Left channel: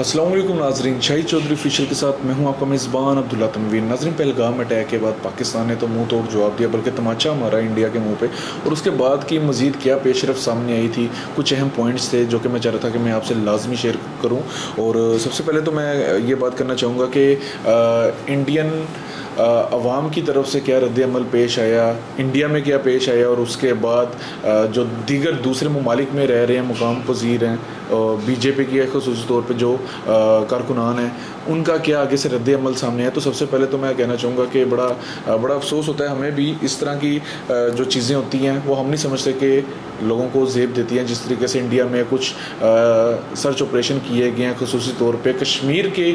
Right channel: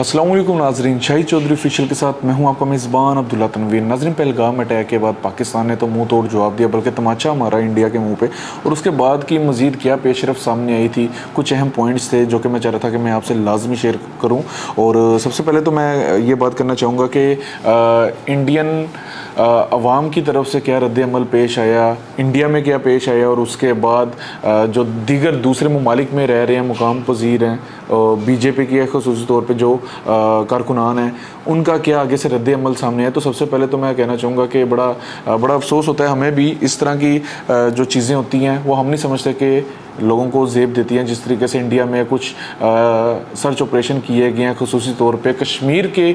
अस्सलाम वालेकुम नाजरीन, शाहिद चौधरी ऑफिशियल के साथ मैं हूं आपका मेज़बान अब्दुल्ला तनवीर। नाजरीन, पहलगाम अटैक के बाद पाकिस्तान ने तो मुंह तोड़ जवाब दिया, बल्कि तमाचा मारा इंडिया के मुंह पे। और उसके बाद की मज़ीद क्या पेशरफ सामने आई थी, कुछ अहम पॉइंट्स थे जो कि मैं चाह रहा था कि मैं आपसे लाजमी शेयर करूँ। और सबसे पहले तो मैं ये बात करना चाहूँगा कि इंडियन अवाम की तरफ से क्या रद्द-ए-अमल पेश आया, इंडिया में क्या पेश आया, और उसके बाद जो दीगर दूसरे ममालिक में रह रहे हैं मुकाम पजीर हैं, बीजेपी के ख़ुसूसी तौर पे जो कारकुनान हैं, उनका क्या आगे से रद्द-ए-अमल सामने है। तो सबसे पहले तो मैं कहना चाहूँगा कि बड़ा अफसोस होता है हमें भी, इस तरह की जो चीज़ें होती हैं वो हम नहीं समझते कि लोगों को ज़ेब देती हैं। जिस तरीके से इंडिया में कुछ सर्च ऑपरेशन किए गए हैं, ख़ुसूसी तौर पे कश्मीर के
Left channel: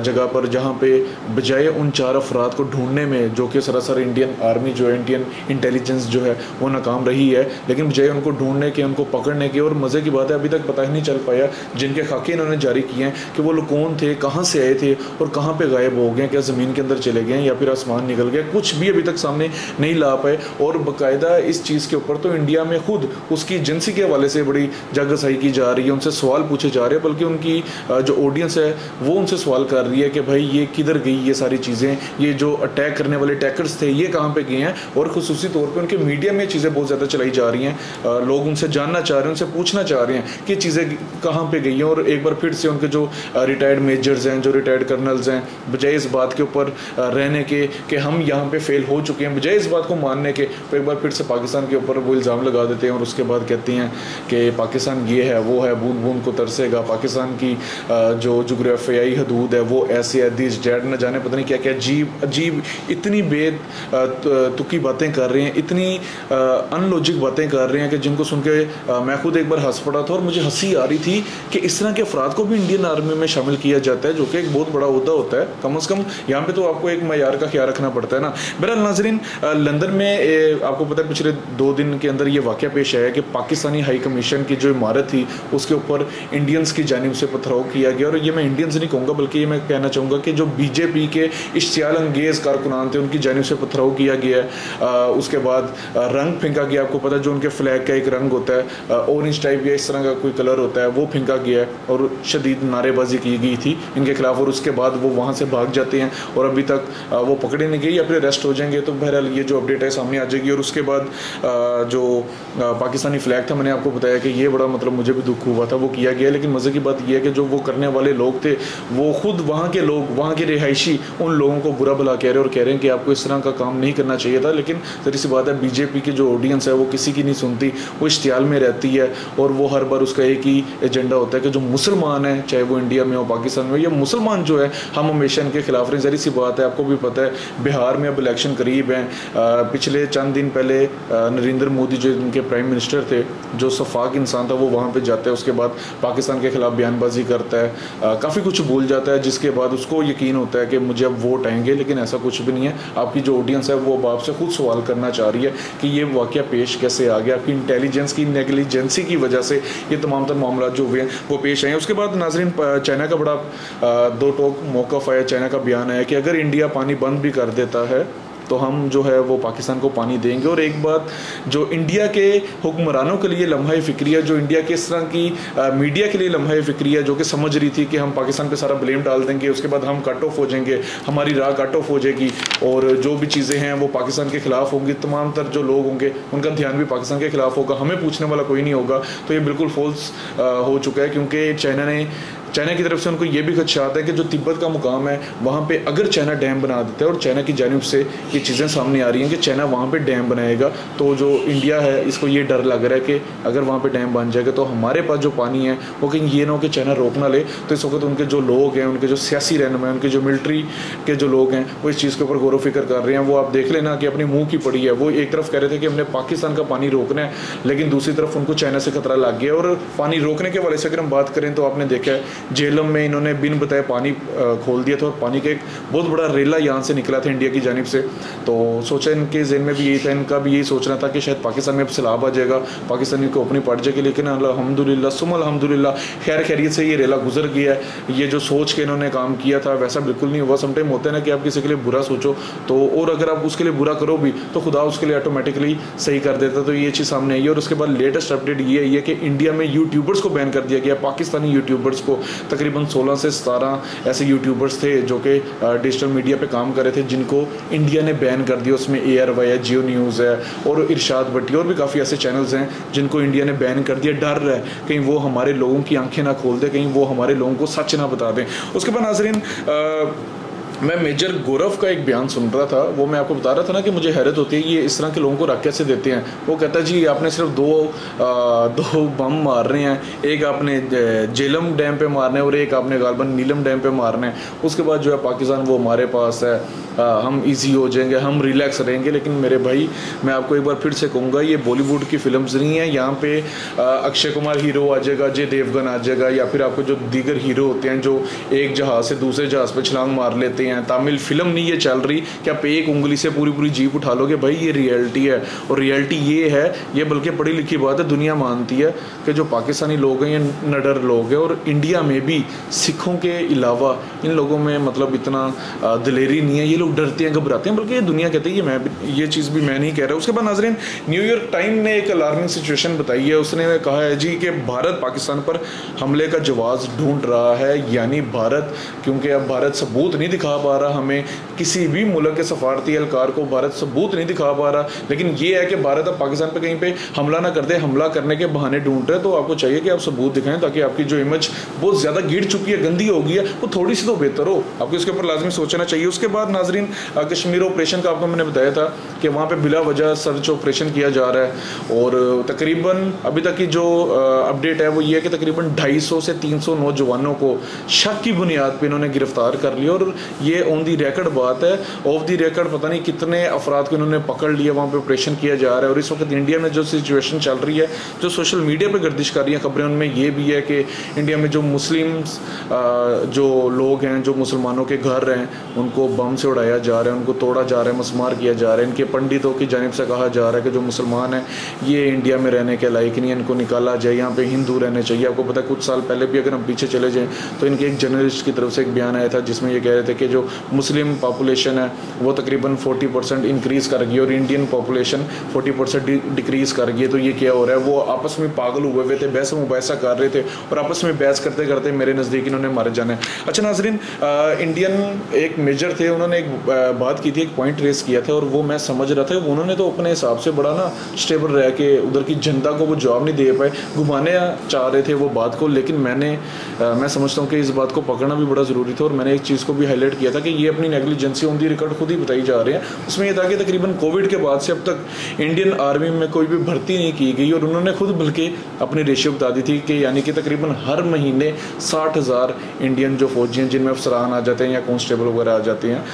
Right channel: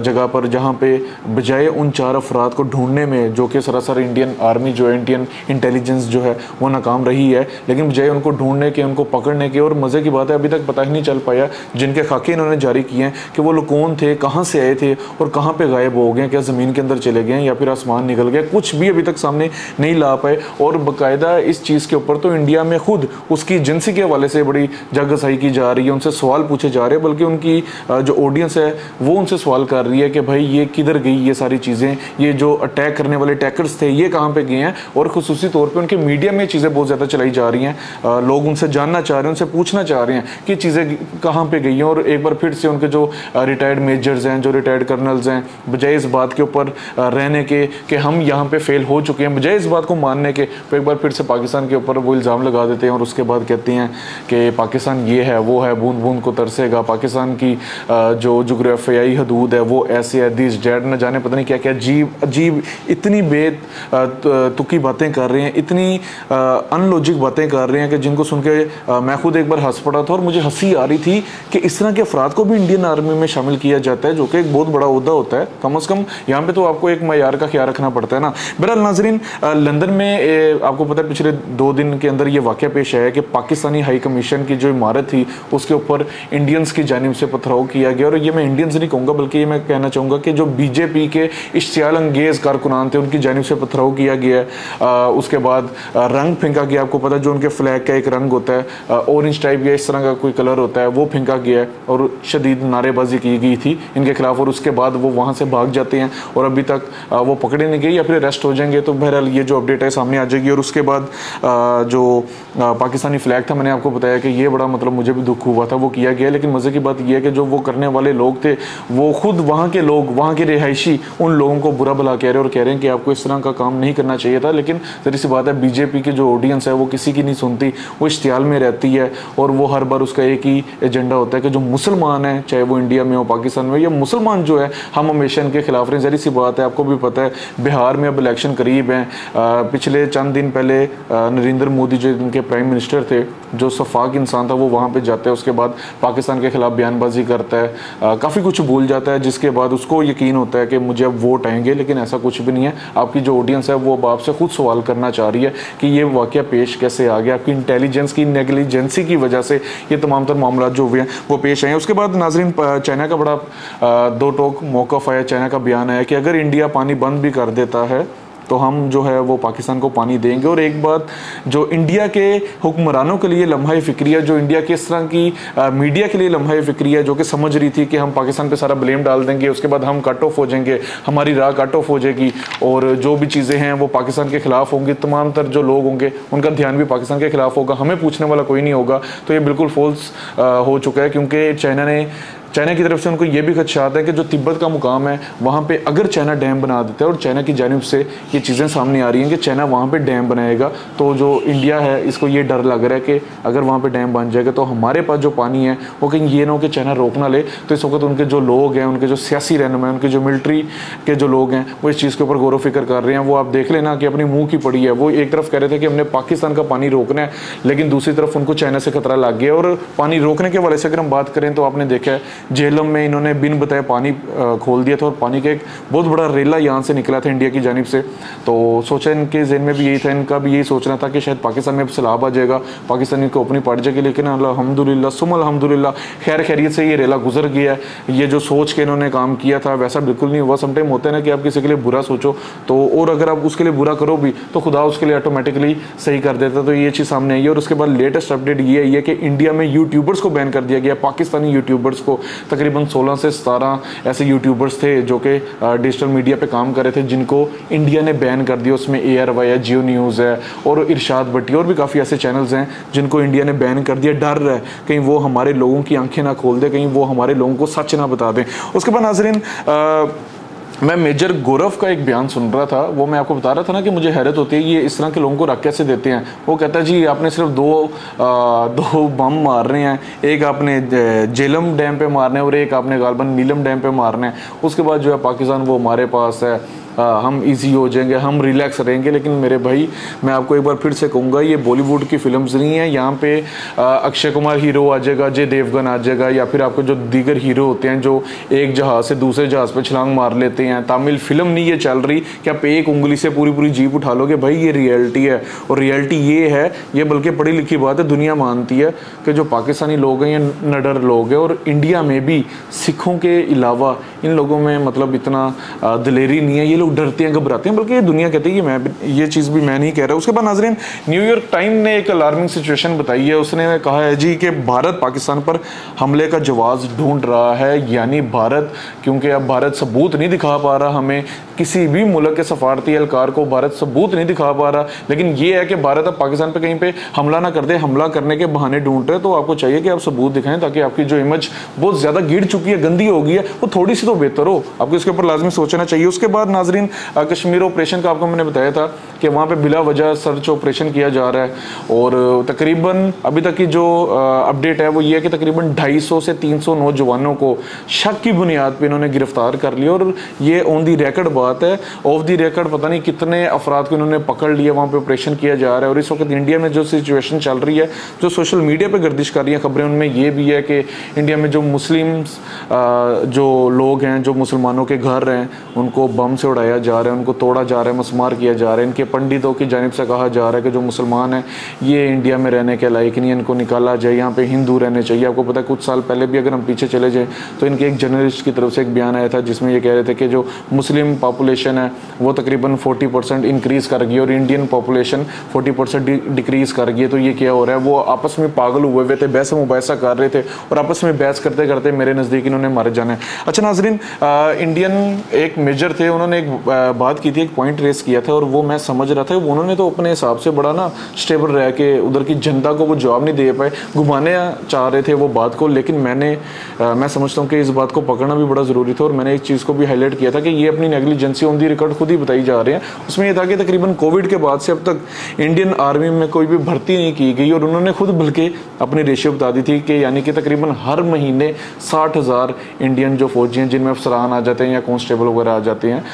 जगह पर, जहाँ पे बजाय उन 4 अफराद को ढूंढने में, जो कि सरासर इंडियन आर्मी जो है, इंडियन इंटेलिजेंस जो है वो नाकाम रही है, लेकिन बजाय उनको ढूंढने के, उनको पकड़ने के, और मज़े की बात है अभी तक पता ही नहीं चल पाया जिनके खाके इन्होंने जारी किए हैं कि वो लोग कौन थे, कहाँ से आए थे और कहाँ पर गायब हो गए, क्या ज़मीन के अंदर चले गए या फिर आसमान निकल गया, कुछ भी अभी तक सामने नहीं ला पाए। और बाकायदा इस चीज़ के ऊपर तो इंडिया में खुद उसकी एजेंसी के हवाले से बड़ी जागरसाई की जा रही है, उनसे सवाल पूछे जा रहे हैं, बल्कि उनकी जो ऑडियंस है वो उनसे सवाल कर रही है कि भाई ये किधर गई ये सारी चीज़ें, ये जो अटैक करने वाले अटैकर्स थे ये कहाँ पे गए हैं। और ख़ुसूसी तौर पे उनके मीडिया में चीज़ें बहुत ज़्यादा चलाई जा रही हैं, लोग उनसे जानना चाह रहे हैं, उनसे पूछना चाह रहे हैं कि चीज़ें कहाँ पर गई हैं। और एक बार फिर से उनके जो रिटायर्ड मेजर्स हैं, जो रिटायर्ड कर्नल्स हैं, बजाय इस बात के ऊपर रहने के कि हम यहाँ पर फेल हो चुके हैं, बजाय इस बात को मानने के, तो एक बार फिर से पाकिस्तान के ऊपर वो इल्ज़ाम लगा देते हैं और उसके बाद कहती हैं कि पाकिस्तान ये है वो है, बूंद बूंद को तरसेगा, पाकिस्तान की जो जोग्राफियाई हदूद है वो ऐसे है, दिस डेट, न जाने पता नहीं क्या क्या अजीब इतनी तुकी बातें कर रही हैं, इतनी अनलॉजिक बातें कर रही हैं कि जिनको सुन के मैं खुद एक बार हंस पड़ा था और मुझे हंसी आ रही थी कि इस तरह के अफराद को भी इंडियन आर्मी में शामिल किया जाता है, जो कि एक बहुत बड़ा ओहदा होता है। कम अज़ कम यहाँ पे तो आपको एक मयार का ख्याल रखना पड़ता है ना। बहरहाल नाजरीन, लंदन में आपको पता है पिछले 2 दिन के अंदर ये वाक़या पेश आया कि पाकिस्तानी हाई कमीशन की जो इमारत थी उसके ऊपर इंडियंस की जानिब से पथराव किया गया। और ये मैं इंडियंस नहीं कहूँगा, बल्कि ये मैं कहना चाहूँगा कि जो बीजेपी के इश्तियाल अंगेज कारकुनान थे उनकी जानिब से पथराव किया गया। उसके बाद रंग फेंका गया, आपको पता जो उनके फ्लैग का एक रंग होता है, ऑरेंज टाइप या इस तरह का कोई कलर होता है, वो फेंका गया और शदीद नारेबाजी की गई थी इनके खिलाफ। और उसके बाद वो वहाँ से भाग जाते हैं और अभी तक वो पकड़े नहीं गए या फिर अरेस्ट हो जाएंगे। तो बहरहाल ये जो अपडेट है सामने आ जाएगी। और उसके बाद जो पाकिस्तानी फ्लैग था, मैंने आपको बताया कि ये बड़ा मतलब मुझे भी दुख हुआ था, वो किया गया। लेकिन मज़े की बात यह है कि जो वो करने वाले लोग थे वो खुद वहाँ के लोग, वहाँ के रिहायशी उन लोगों को बुरा भला कह रहे हैं और कह रहे हैं कि आपको इस तरह का काम नहीं करना चाहिए था। लेकिन जरी सी बात है, बीजेपी की जो ऑडियंस है वो किसी की नहीं सुनती, वो इश्तियाल में रहती है और वो हर बार उसका एक ही एजेंडा होता है कि जो मुसलमान है, चाहे वो इंडिया में हो, पाकिस्तान में, ये मुसलमान जो है हम हमेशा इनके खिलाफ रहे। जरी सी बात है, आपको भी पता है बिहार में अब इलेक्शन करीब हैं। पिछले चंद दिन पहले नरेंद्र मोदी जो इनके प्राइम मिनिस्टर थे, जो सफाक इंसान था, वो वहाँ पे जाता है, उसके बाद पाकिस्तान के खिलाफ बयानबाजी करता है, काफ़ी कुछ भूल जाता है, जिसके बाद उसको यकीन होता है कि मुझे अब वोट आएंगे। लेकिन ऐसा कुछ भी नहीं है। आपकी जो ऑडियंस है वो अब आपसे खुद सवाल करना चाह रही है कि ये वाक़या पेश कैसे आ गया, आपकी इंटेलिजेंस की नेगलिजेंसी की वजह से ये तमाम तर मामला जो हुए हैं वो पेश आए। उसके बाद नाजरीन, चाइना का बड़ा दो टोक मौक़िफ़ है, चाइना का बयान है कि अगर इंडिया पानी बंद भी कर देता है तो हम जो है वो पाकिस्तान को पानी देंगे। और एक बात जो इंडिया के हुक्मरानों के लिए लम्हा फ़िक्रिया, जो इंडिया के इस तरह की मीडिया के लिए लम्हा फ़िक्रिया, जो कि समझ रही थी कि हम पाकिस्तान पे सारा ब्लेम डाल देंगे, उसके बाद हम कट ऑफ हो जाएंगे, हमारी राह कट ऑफ हो जाएगी और जो भी चीज़ें हैं वो पाकिस्तान के खिलाफ होंगी, तमाम तर जो लोग होंगे उनका ध्यान भी पाकिस्तान के खिलाफ होगा, हमें पूछने वाला कोई नहीं होगा। तो ये बिल्कुल फॉल्स हो चुका है, क्योंकि चाइना की तरफ से उनको ये भी खदशात है कि जो तिब्बत का मुकाम है वहाँ पे अगर चाइना डैम बना देता है, और चाइना की जानिब से ये चीज़ें सामने आ रही हैं कि चाइना वहाँ पे डैम बनाएगा, तो जो इंडिया है इसको ये डर लग रहा है कि अगर वहाँ पे डैम बन जाएगा तो हमारे पास जो पानी है वो कहीं ये ना हो कि चाइना रोक ना ले। तो इस वक्त उनके जो लोग हैं, उनके जो सियासी रहनुमा हैं, उनके जो मिलिट्री के जो लोग हैं, वो इस चीज़ के ऊपर गौर फिक्र कर रहे हैं। वो आप देख लेना कि अपनी मुँह की पड़ी है। वो एक तरफ कह रहे थे कि हमने पाकिस्तान का पानी रोकना है, लेकिन दूसरी तरफ उनको चाइना से खतरा लग गया। और पानी रोकने के हवाले से अगर हम बात करें तो आपने देखा है जेलम में इन्होंने बिन बताए पानी खोल दिया था और पानी का एक बहुत बड़ा रेला यहाँ से निकला था इंडिया की जानिब से। तो सोचा इनके ज़हन में भी यही था, इनका भी यही सोचना था कि शायद पाकिस्तान में अब सैलाब आ जाएगा, पाकिस्तान इनको अपनी पड़ जाएगी। लेकिन अल्हम्दुलिल्लाह सुम्मा अल्हम्दुलिल्लाह खैर खैरियत से ये रेला गुजर गया। ये जो सोच के इन्होंने काम किया था वैसा बिल्कुल नहीं हुआ। समटाइम होता है ना कि आप किसी के लिए बुरा सोचो तो, और अगर आप उसके लिए बुरा करो भी तो खुदा उसके लिए ऑटोमेटिकली सही कर देता। तो ये चीज़ सामने आई है। और उसके बाद लेटेस्ट अपडेट ये है कि इंडिया में यूट्यूबर्स को बैन कर दिया गया, पाकिस्तानी यूट्यूबर्स को, तकरीबन 16 से 17 ऐसे यूट्यूबर्स थे जो कि डिजिटल मीडिया पे काम कर रहे थे, जिनको इंडिया ने बैन कर दिया। उसमें ARY है, जियो न्यूज़ है और इरशाद भट्टी और भी काफ़ी ऐसे चैनल्स हैं जिनको इंडिया ने बैन कर दिया। डर है कहीं वो हमारे लोगों की आंखें ना खोल दे, कहीं वो हमारे लोगों को सच ना बता दें। उसके बाद नाज़रीन मैं मेजर गौरव का एक बयान सुन रहा था, वो मैं आपको बता रहा था ना कि मुझे हैरत होती है ये इस तरह के लोगों को रख कैसे देते हैं। वो कहता है जी आपने सिर्फ दो बम मार रहे हैं, एक आपने जेलम डैम पे मारने और एक आपने गालबन मीलम डैम पे मारने, उसके बाद जो है पाकिस्तान वो हमारे पास है, हम इजी हो जाएंगे, हम रिलैक्स रहेंगे। लेकिन मेरे भाई मैं आपको एक बार फिर से कहूँगा ये बॉलीवुड की फिल्म्स नहीं है। यहाँ पे अक्षय कुमार हीरो आ जाएगा, अजय देवगन आ जाएगा, या फिर आपको जो दीगर हीरो होते हैं जो एक जहाज से दूसरे जहाज पे छलांग मार लेते हैं। तमिल फिल्म नहीं ये चल रही कि आप एक उंगली से पूरी पूरी जीप उठा लोगे। भाई ये रियलिटी है, और रियलिटी ये है, ये बल्कि पढ़ी लिखी बात है, दुनिया मानती है कि जो पाकिस्तानी लोग हैं ये नडर लोग हैं। और इंडिया में भी सिखों के अलावा इन लोगों में मतलब इतना दिलेरी नहीं है, ये लोग डरते हैं, घबराते हैं, बल्कि ये दुनिया कहती है कि मैं ये चीज़ भी मैं नहीं कह रहा। उसके बाद नाज़रीन न्यूयॉर्क टाइम ने एक अलार्मिंग सिचुएशन बताई है। उसने कहा है जी कि भारत पाकिस्तान पर हमले का जवाब ढूंढ रहा है, यानी भारत, क्योंकि अब भारत सबूत नहीं दिखा पा रहा, हमें किसी भी मुल्क के सफारती एहलकार को भारत सबूत नहीं दिखा पा रहा। लेकिन ये है कि भारत अब पाकिस्तान पे कहीं पे हमला ना कर दे, हमला करने के बहाने ढूंढ रहे। तो आपको चाहिए कि आप सबूत दिखाएं ताकि आपकी जो इमेज बहुत ज्यादा गिर चुकी है, गंदी हो गई है, वो थोड़ी सी तो बेहतर हो। आपको इसके ऊपर लाजमी सोचना चाहिए। उसके बाद नाजरीन कश्मीर ऑपरेशन का आपको मैंने बताया था कि वहाँ पे बिला वजह सर्च ऑपरेशन किया जा रहा है, और तकरीबन अभी तक की जो अपडेट है वो ये है कि तकरीबन 250 से 300 नौजवानों को शक की बुनियाद पर इन्होंने गिरफ्तार कर लिया। और ये ऑन दी रिकॉर्ड बात है, ऑफ दी रिकॉर्ड पता नहीं कितने अफराद को इन्होंने पकड़ लिया, वहाँ पे ऑपरेशन किया जा रहा है। और इस वक्त इंडिया में जो सिचुएशन चल रही है, जो सोशल मीडिया पे गर्दिश कर रही है खबरें, उनमें ये भी है कि इंडिया में जो मुस्लिम जो लोग हैं, जो मुसलमानों के घर हैं, उनको बम से उड़ाया जा रहा है, उनको तोड़ा जा रहा है, मसमार किया जा रहा है। इनके पंडितों की जानिब से कहा जा रहा है कि जो मुसलमान हैं ये इंडिया में रहने के लायक नहीं है, इनको निकाला जाए, यहाँ पे हिंदू रहने चाहिए। आपको पता है कुछ साल पहले भी अगर हम पीछे चले जाए तो इनके एक जर्नलिस्ट की तरफ से एक बयान आया था जिसमें ये कह रहे थे कि जो मुस्लिम पॉपुलेशन है वो तकरीबन 40% इंक्रीज कर गई और इंडियन पॉपुलेशन 40% डिक्रीज कर गई। तो ये क्या हो रहा है, वो आपस में पागल हुए हुए थे, बहस मुबाहिसा कर रहे थे, और आपस में बहस करते करते मेरे नज़दीक इन्होंने मारे जाना है। अच्छा नाजरीन, इंडियन एक मेजर थे, उन्होंने एक बात की थी, एक पॉइंट रेस किया था, और वो मैं समझ रहा था उन्होंने तो अपने हिसाब से बड़ा ना स्टेबल रह के उधर की जनता को वो जवाब नहीं दे पाए, घुमाने चाह रहे थे वो बात को। लेकिन मैं समझता हूँ कि इस बात को पकड़ना भी बड़ा ज़रूरी था, और मैंने एक चीज़ को भी हाईलाइट किया था कि ये अपनी नेग्लिजेंसी ऑन दी रिकॉर्ड खुद ही बताई जा रहे हैं। उसमें यह था कि तकरीबन कोविड के बाद से अब तक इंडियन आर्मी में कोई भी भर्ती नहीं की गई, और उन्होंने खुद बल्कि अपनी रेशियो बता दी थी कि यानी कि तकरीबन हर महीने 60,000 इंडियन जो फौजी हैं, जिनमें अफसरान आ जाते हैं या कांस्टेबल वगैरह आ जाते हैं,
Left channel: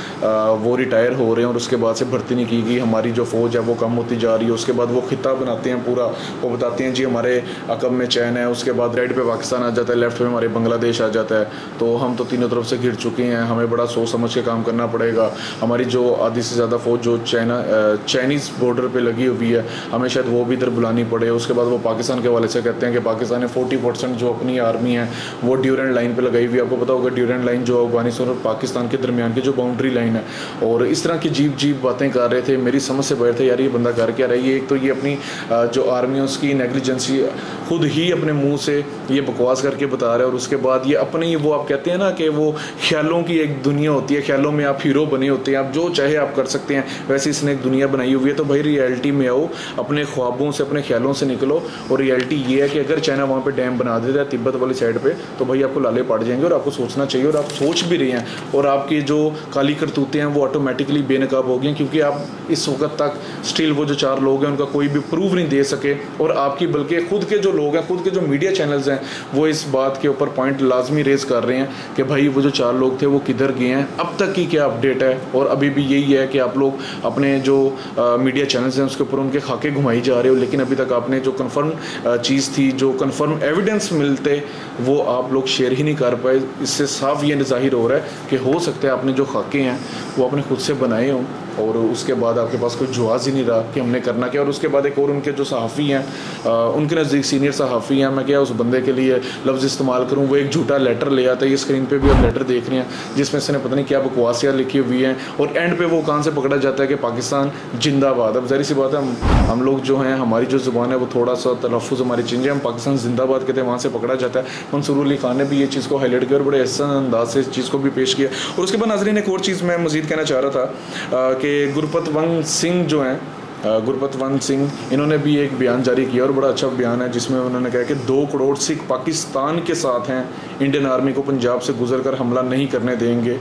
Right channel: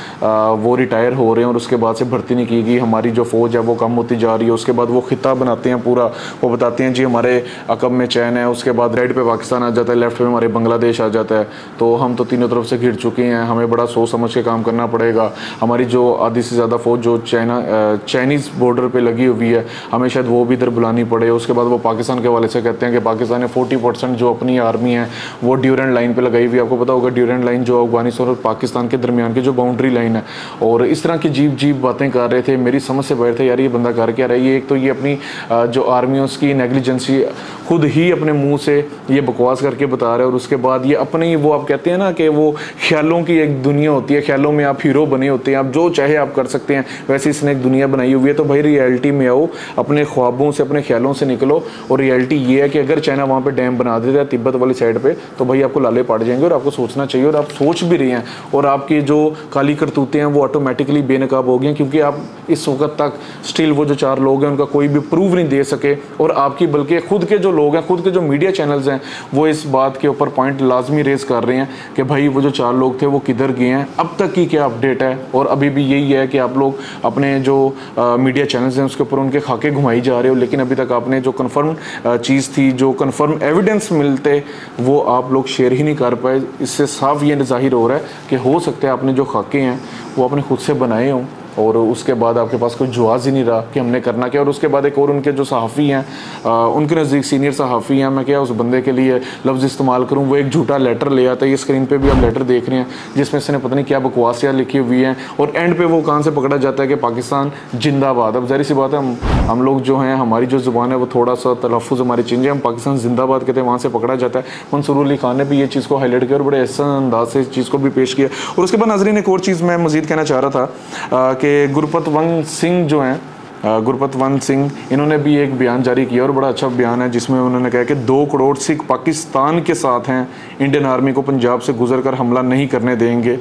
वो रिटायर हो रहे हैं, और उसके बाद से भर्ती नहीं की गई। हमारी जो फौज है वो कम होती जा रही है। उसके बाद वो खिताब बनाते हैं पूरा, वो बताते हैं जी हमारे अकब में चैन है, उसके बाद राइट पे पाकिस्तान आ जाता है, लेफ्ट में हमारे बांग्लादेश आ जाता है। तो हम तो तीनों तरफ से घिर चुके हैं, हमें बड़ा सोच समझ के काम करना पड़ेगा। हमारी जो आधी से ज़्यादा फौज जो चाइनीज़ बॉर्डर पे लगी हुई है, हमें शायद वो भी इधर बुलानी पड़े। उसके बाद वो पाकिस्तान के वाले से कहते हैं कि पाकिस्तान ने 40% जो अपनी आर्मी है वो ड्यूरेंट लाइन पे लगाई हुई है। आपको पता होगा ड्यूरेंट लाइन जो अफगानिस्तान और पाकिस्तान के दरमियान की जो बाउंड्री लाइन है, और इस तरह की जीप बातें कर रहे थे। मेरी समझ से बाहर थे यार ये बंदा कर क्या रहा है। एक तो ये अपनी जो आर्मी है उसकी नेग्लिजेंसी खुद ही अपने मुंह से ये बकवास करके बता रहे हैं, और उसके बाद ये अपने वो आप कहते हैं ना कि वो ख्यालों की एक दुनिया होती है, ख्यालों में आप हीरो बने होते हैं, आप जो चाहे आप कर सकते हैं, वैसे इसने एक दुनिया बनाई हुई है। तो भाई रियलिटी में आओ, अपने ख्वाबों से अपने ख्यालों से निकलो। और रियलिटी ये है कि अगर चाइना वहाँ पे डैम बना देता है तिब्बत वाली साइड पे, तो भाई आपको लाले पड़ जाएंगे, और आपको सोचना चाहिए, और आप सोच भी रहे हैं, और आपकी जो काली करतूतें हैं वो ऑटोमेटिकली बेनकाब हो गई, क्योंकि आप इस वक्त तक स्टिल वो जो 4 लोग हैं उनका कोई भी प्रूफ नहीं दे सके। और आपकी बल्कि खुद के जो लोग हैं, खुद के जो मीडिया चैनल्स हैं, वो इस बात के ऊपर पॉइंट लाजमी रेज कर रहे हैं कि भाई वो जो 4 लोग थे वो किधर गए हैं, अब तक की क्या अपडेट है। और अभी भी यही है कि आप लोग अपने जो मीडिया चैनल्स हैं उसके ऊपर उनके खाके घुमाई जा रहे हो, लेकिन अभी तक आपने जो कन्फर्म चीज़ थी, जो कन्फर्म एविडेंस मिलते, वो आप लोग शेयर ही नहीं कर पाए। इससे साफ ये जाहिर हो रहा है कि हो सकता है आपने जो खाके हैं वो अपने खुद से बनाए हों, और उसके बाद आपके पास कोई जवाब ही नहीं रहा कि हमने करना क्या। और उसके बाद एक और उनके जो सहाफ़ी हैं, उनके नज़दीक सीनियर सहाफ़ी हैं, मैं क्या उस बंदे के लिए लफ्ज़ इस्तेमाल करूँ, वो एक झूठा लेटर ले आता है। ये स्क्रीन पे भी आप लेटर देख रहे हैं जिसमें इसने पता नहीं क्या बकवासियाँ लिखी हुई हैं, और एंड पे वो कान से पकड़ा जाता है कि पाकिस्तान जिंदाबाद। अब ज़ाहिर सी बात है हम लोग जो हैं, हमारी जो ज़ुबान है वो थोड़ा सा तलफ़ुज़ हमारी चेंज है, हम पाकिस्तान जिंदाबाद कहते हैं, वहाँ से पकड़ा जाता है। मंसूर अली खान ने भी ये चीज़ को हाईलाइट किया और बड़े ऐसा अंदाज से इस चीज़ को भी पेश किया। और उसके बाद नाज़रीन एक और चीज़ मैं मज़ीद कहना चाह रहा था कि गुरपतवंत सिंह जो हैं, गुरपतवंत सिंह, इन्होंने भी एक बयान जारी किया और बड़ा अच्छा बयान है जिसमें उन्होंने कहा कि 2 करोड़ सिख पाकिस्तान के साथ हैं, इंडियन आर्मी को पंजाब से गुजरकर हमला नहीं करने देंगे।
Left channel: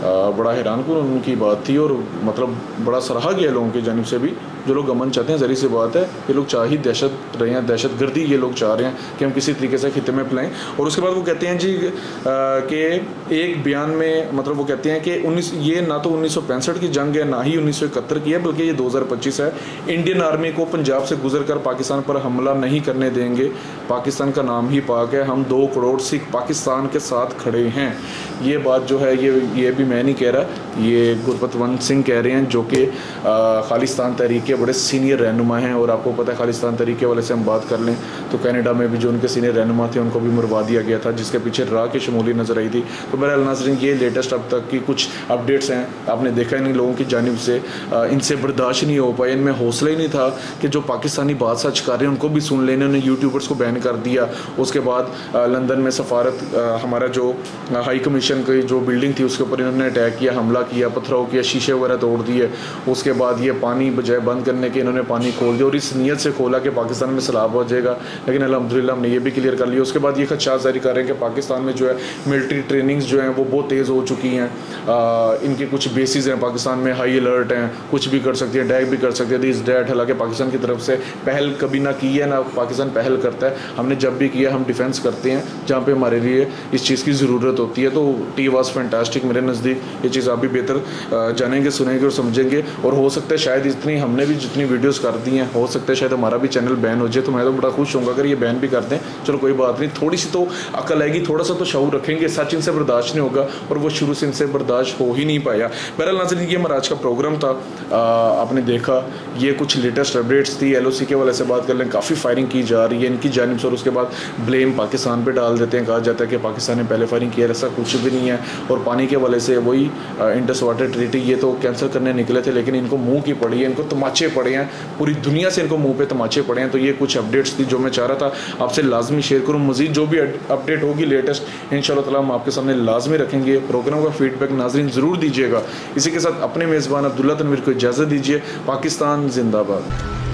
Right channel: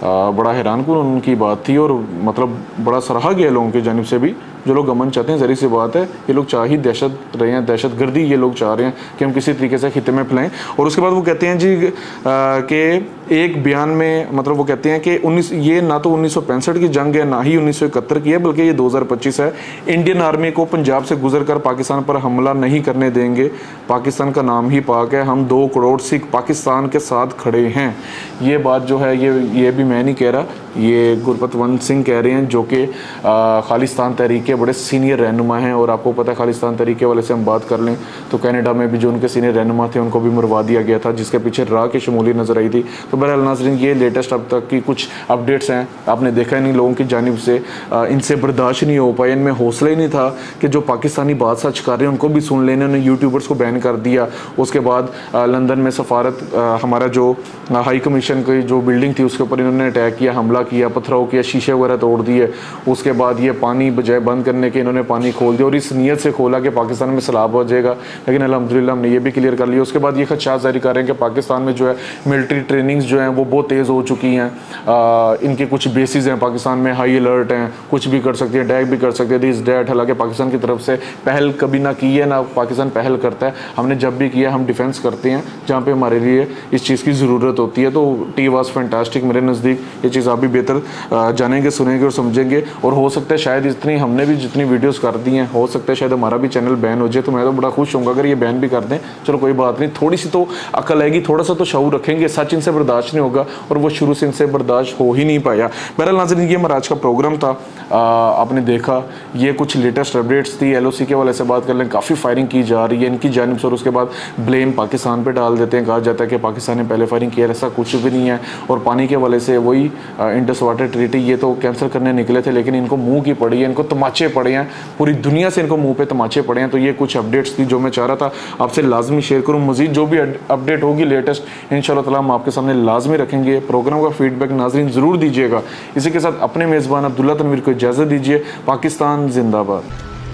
बड़ा हैरानकुन उनकी बात थी और मतलब बड़ा सराहा गया लोगों की जानिब से भी। जो लोग अमन चाहते हैं, ज़री सी बात है, ये लोग चाह ही दहशत रहे हैं, दहशत गर्दी ये लोग चाह रहे हैं कि हम किसी तरीके से खिते में फैलाएं। और उसके बाद वो कहते हैं जी कि एक बयान में मतलब वो कहते हैं कि ये ना तो 1965 की जंग है, ना ही 1971 की है, बल्कि ये 2025 है। इंडियन आर्मी को पंजाब से गुजर कर पाकिस्तान पर हमला नहीं करने देंगे, पाकिस्तान का नाम ही पाक है, हम 2 करोड़ सिख पाकिस्तान के साथ खड़े हैं। ये बात जो है ये भी मैं नहीं कह रहा, ये गुरपतवंत सिंह कह रहे हैं जो कि खालिस्तान तहरीक के बड़े सीनियर रहनुमा हैं। और आपको पता है खालिस्तान तरीके वाले से हम बात कर लें तो कनाडा में भी जो उनके सीनियर रहनुमा थे उनको भी मरवा दिया गया था, जिसके पीछे रा की शमूली नजर आई थी। तो बहरहाल नाज़रीन ये लेटेस्ट अब तक की कुछ अपडेट्स हैं, आपने देखा ही नहीं लोगों की जानिब से, इनसे बर्दाश्त नहीं हो पाया, इनमें हौसला ही नहीं था कि जो पाकिस्तानी बात सच कर रहे हैं उनको भी सुन लेने, उन्होंने यूट्यूबर्स को बैन कर दिया। उसके बाद लंदन में सफारत हमारा जो हाई कमीशन की जो बिल्डिंग थी उसके ऊपर इन्होंने अटैक किया, हमला किया, पत्थरों किया, शीशे वगैरह तोड़ दिए। उसके बाद ये पानी बजाय बंद करने के इन्होंने पानी खोल दिया और इस नीयत से खोला कि पाकिस्तान में सैलाब हो जाएगा, लेकिन अल्हम्दुलिल्लाह हमने ये भी क्लियर कर लिया। उसके बाद ये खदशात जारी कर रहे हैं कि पाकिस्तान में जो है मिलिट्री ट्रेनिंग्स जो हैं वो बहुत तेज़ हो चुकी हैं, इनके कुछ बेसिस हैं पाकिस्तान में, हाई अलर्ट हैं, कुछ भी कर सकती है, अटैक भी कर सकते हैं, दिस डैट। हालांकि पाकिस्तान की तरफ से पहल कभी ना की है, ना पाकिस्तान पहल करता है, हमने जब भी किया हम डिफेंस करते हैं जहाँ पे हमारे लिए इस चीज़ की ज़रूरत होती है। तो टी वाज फैंटास्टिक, मेरे नज़दीक ये चीज़ आप भी बेहतर जानेंगे, सुनेंगे और समझेंगे। और हो सकता है शायद इतनी हमने भी जितनी वीडियोस कर दी हैं, हो सकता है शायद हमारा भी चैनल बैन हो जाए, तो मैं तो बड़ा खुश होऊंगा अगर ये बैन भी कर दें। चलो कोई बात नहीं, थोड़ी सी तो अकल आएगी, थोड़ा सा तो शऊर रखेंगे, सच इनसे बर्दाश्त नहीं होगा और वो शुरू से इनसे बर्दाश्त हो ही नहीं पाया। बहरहाल नाज़रीन ये हमारा आज का प्रोग्राम था, आपने देखा ये कुछ लेटेस्ट अपडेट्स थी। LOC के वाले से बात कर लें, काफ़ी फायरिंग की जा रही है इनकी जानिब से और उसके बाद ब्लेम पाकिस्तान पर डाल देते हैं, कहा जाता है कि पाकिस्तान ने पहले फायरिंग किया, ऐसा कुछ भी नहीं है। और पानी के वाले से वही इंडस वाटर ट्रीटी ये तो कैंसिल करने निकले थे, लेकिन इनको मुंह की पड़ी है, इनको तमाचे पड़े हैं, पूरी दुनिया से इनको मुंह पे तमाचे पड़े हैं। तो ये कुछ अपडेट्स थी जो मैं चाह रहा था आपसे लाजमी शेयर करूं। मजीद जो भी अपडेट होगी लेटेस्ट इंशाल्लाह ताला हम आपके सामने लाजमी रखेंगे। प्रोग्राम का फीडबैक नाज़रीन ज़रूर दीजिएगा। इसी के साथ अपने मेज़बान अब्दुल्ला तनवीर को इजाज़त दीजिए। पाकिस्तान जिंदाबाद।